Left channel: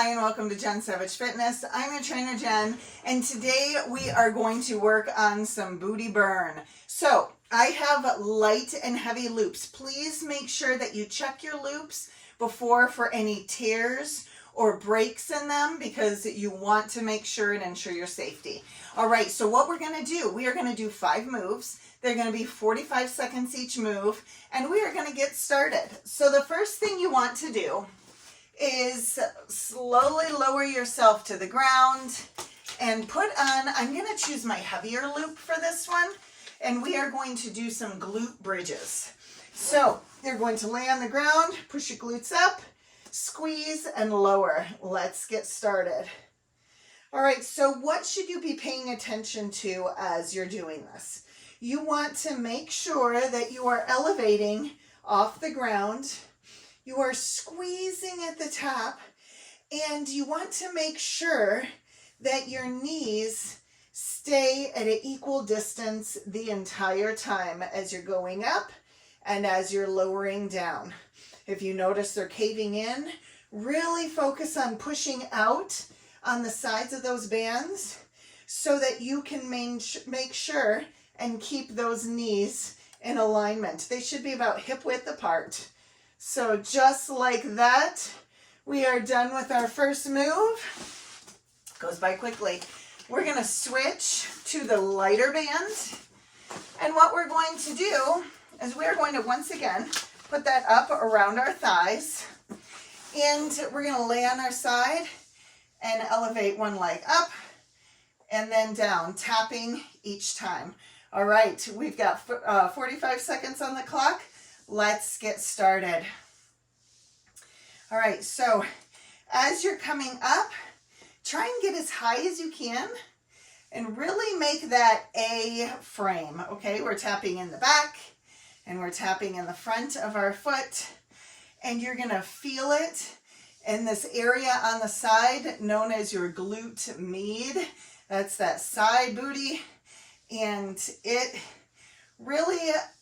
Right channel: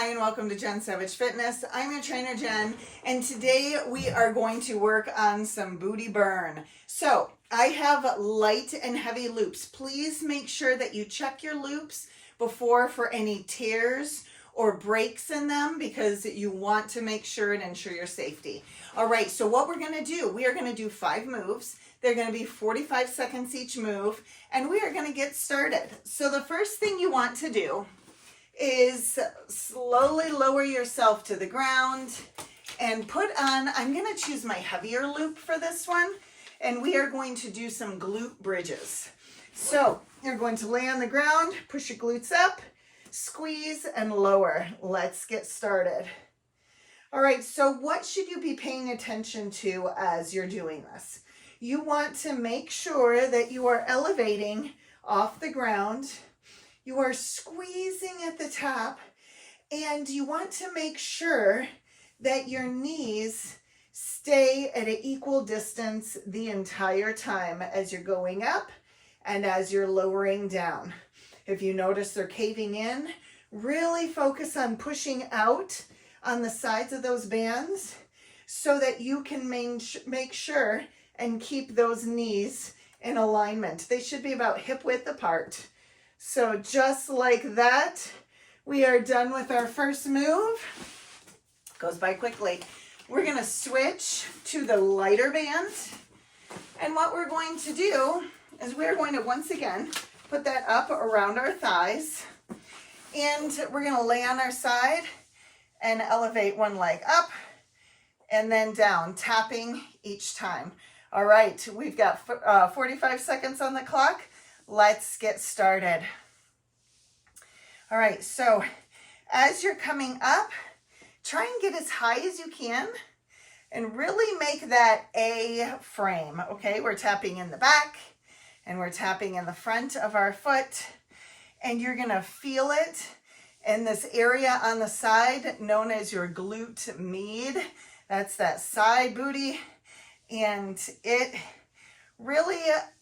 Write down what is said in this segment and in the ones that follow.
Hi and welcome to Jen Savage Fitness. I'm your trainer Jen, and today we are going to work on some booty burn. So I have light and heavy loops. Please make sure that you check your loops before for any tears or breaks in them, because you want to make sure and ensure your safety. All right, so what we're gonna do, we are gonna do 5 moves. They're gonna be 45 seconds each move, and we are gonna get started. So the first thing you want to do is slowly lower yourself to the ground and put on, I'm going to choose my heavier loop for this one, and we are going to do some glute bridges. So you're going to lay on the ground, push your glutes up, squeeze and lower. Let's get started. All right, so what should you be paying attention to as you're doing this? You want to make sure that you are elevating off the ground. You are squeezing at the top, and you want to make sure that your knees stay at an equal distance the entire time as you're going up and as you're lowering down. If you notice they're caving in, really focus on pushing out on the sides of those bands so that you can make sure and keep those knees in alignment. They should be about hip width apart. So just like that, we are done with our first move. Goes by quickly. We're going to switch to the lighter band. And what we're going to do is we're going to once again put that up around our thighs. And we're going to lay on our side and elevate one leg up and then down, tapping each time. All right, we've got 45 seconds on the clock. Let's get started. All right, so as you're coming up, try and get as high as you can and really make that A frame, okay? We're tapping in the back and we're tapping in the front of our foot, and you're gonna feel it in this area on the side known as your glute med. That's that side booty, and it really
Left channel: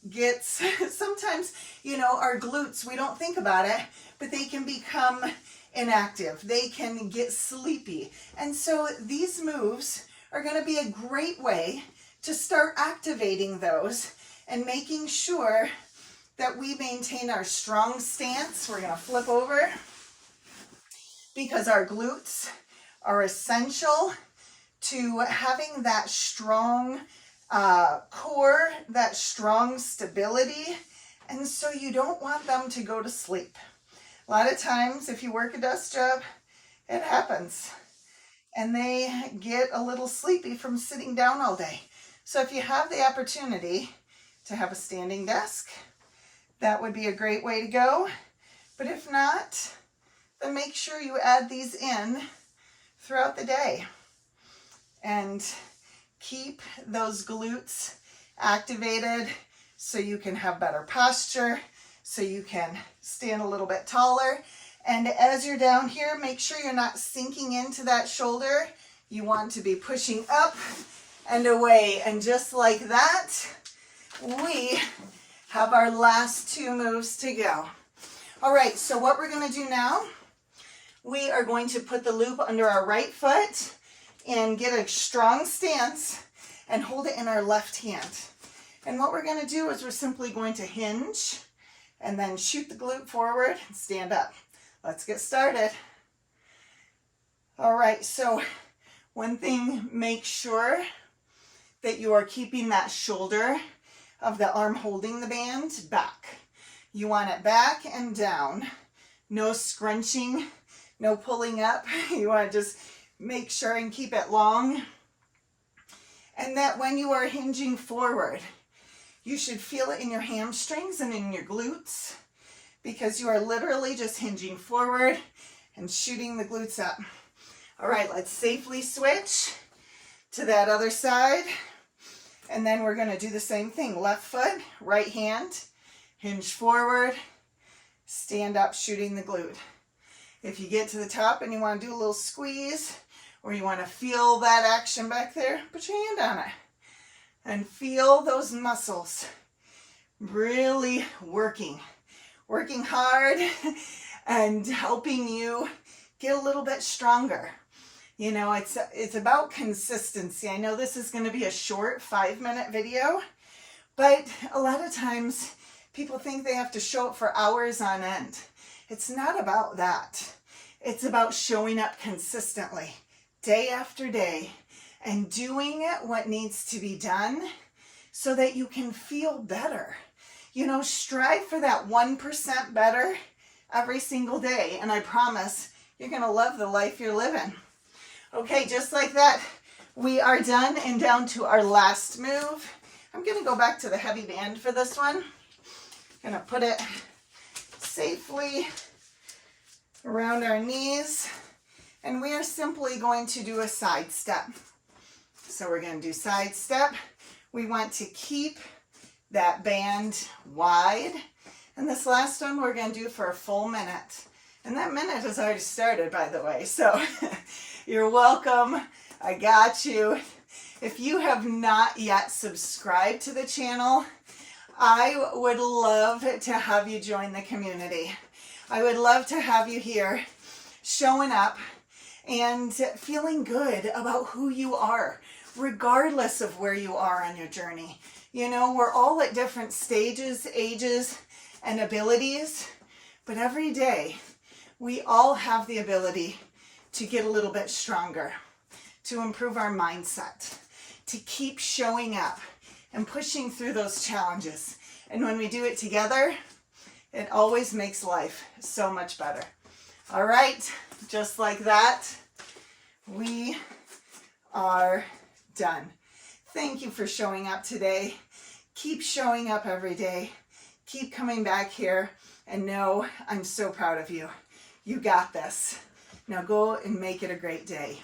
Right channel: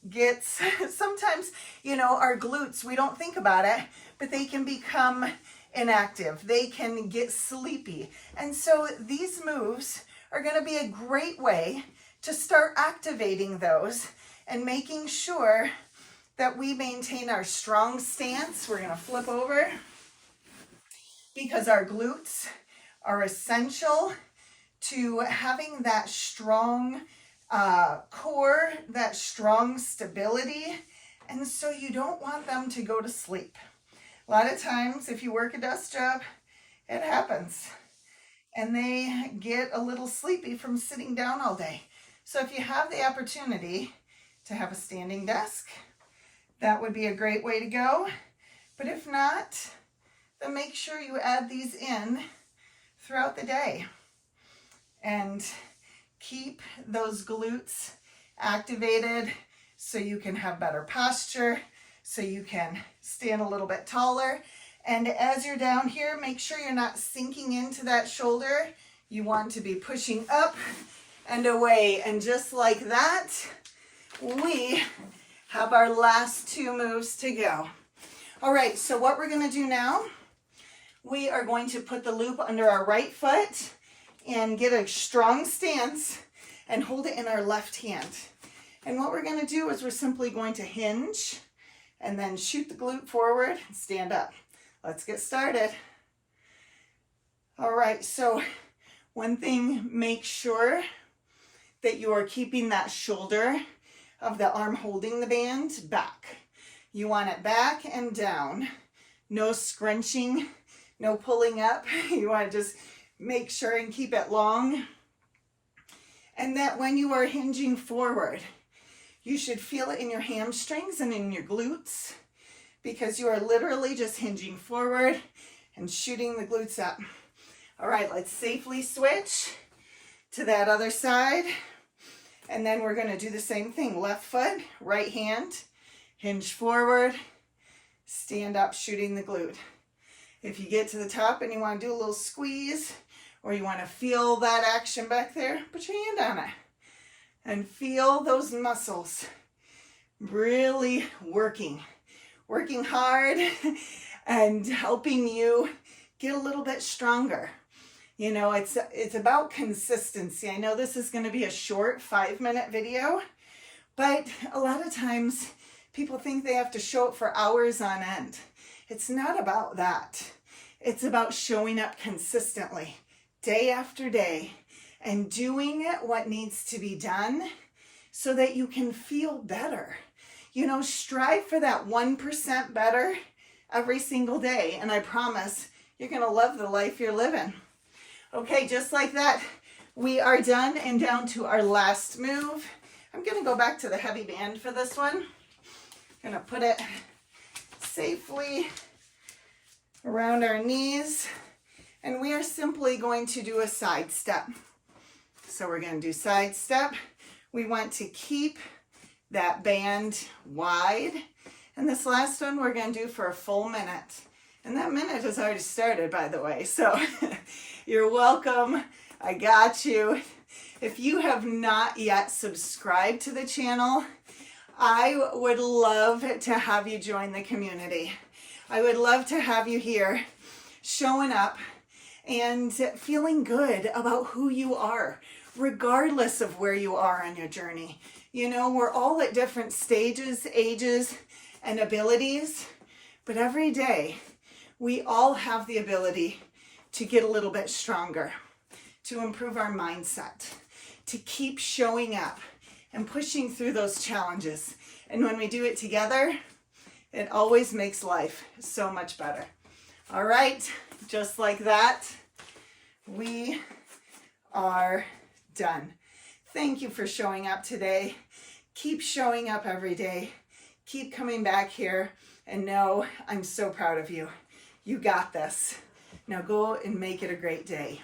gets, sometimes, you know, our glutes, we don't think about it, but they can become inactive. They can get sleepy. And so these moves are going to be a great way to start activating those and making sure that we maintain our strong stance. We're going to flip over because our glutes are essential to having that strong core, that strong stability, and so you don't want them to go to sleep. A lot of times if you work a desk job, it happens, and they get a little sleepy from sitting down all day. So if you have the opportunity to have a standing desk, that would be a great way to go. But if not, then make sure you add these in throughout the day and keep those glutes activated so you can have better posture, so you can stand a little bit taller. And as you're down here, make sure you're not sinking into that shoulder. You want to be pushing up and away. And just like that, we have our last 2 moves to go. All right, so what we're going to do now, we are going to put the loop under our right foot and get a strong stance and hold it in our left hand. And what we're going to do is we're simply going to hinge and then shoot the glute forward and stand up. Let's get started. All right, so one thing, make sure that you are keeping that shoulder of the arm holding the band back. You want it back and down. No scrunching, no pulling up. You want to just make sure and keep it long. And that when you are hinging forward, you should feel it in your hamstrings and in your glutes, because you are literally just hinging forward and shooting the glutes up. All right, let's safely switch to that other side. And then we're going to do the same thing. Left foot, right hand, hinge forward, stand up, shooting the glute. If you get to the top and you want to do a little squeeze, or you want to feel that action back there, put your hand on it and feel those muscles really working hard and helping you get a little bit stronger. You know, it's about consistency. I know this is going to be a short 5-minute video, but a lot of times people think they have to show up for hours on end. It's not about that. It's about showing up consistently, day after day, and doing what needs to be done so that you can feel better. You know, strive for that 1% better every single day, and I promise you're going to love the life you're living. Okay, just like that, we are done and down to our last move. I'm going to go back to the heavy band for this one. I'm going to put it safely around our knees, and we are simply going to do a side step. So we're going to do side step. We want to keep that band wide, and this last one we're going to do for a full minute, and that minute has already started, by the way, so you're welcome. I got you. If you have not yet subscribed to the channel, I would love to have you join the community. I would love to have you here showing up and feeling good about who you are, regardless of where you are on your journey. You know, we're all at different stages, ages, and abilities, but every day we all have the ability to get a little bit stronger, to improve our mindset, to keep showing up and pushing through those challenges. And when we do it together, it always makes life so much better. All right, just like that, we are done. Thank you for showing up today. Keep showing up every day. Keep coming back here, and know I'm so proud of you. You got this. Now go and make it a great day.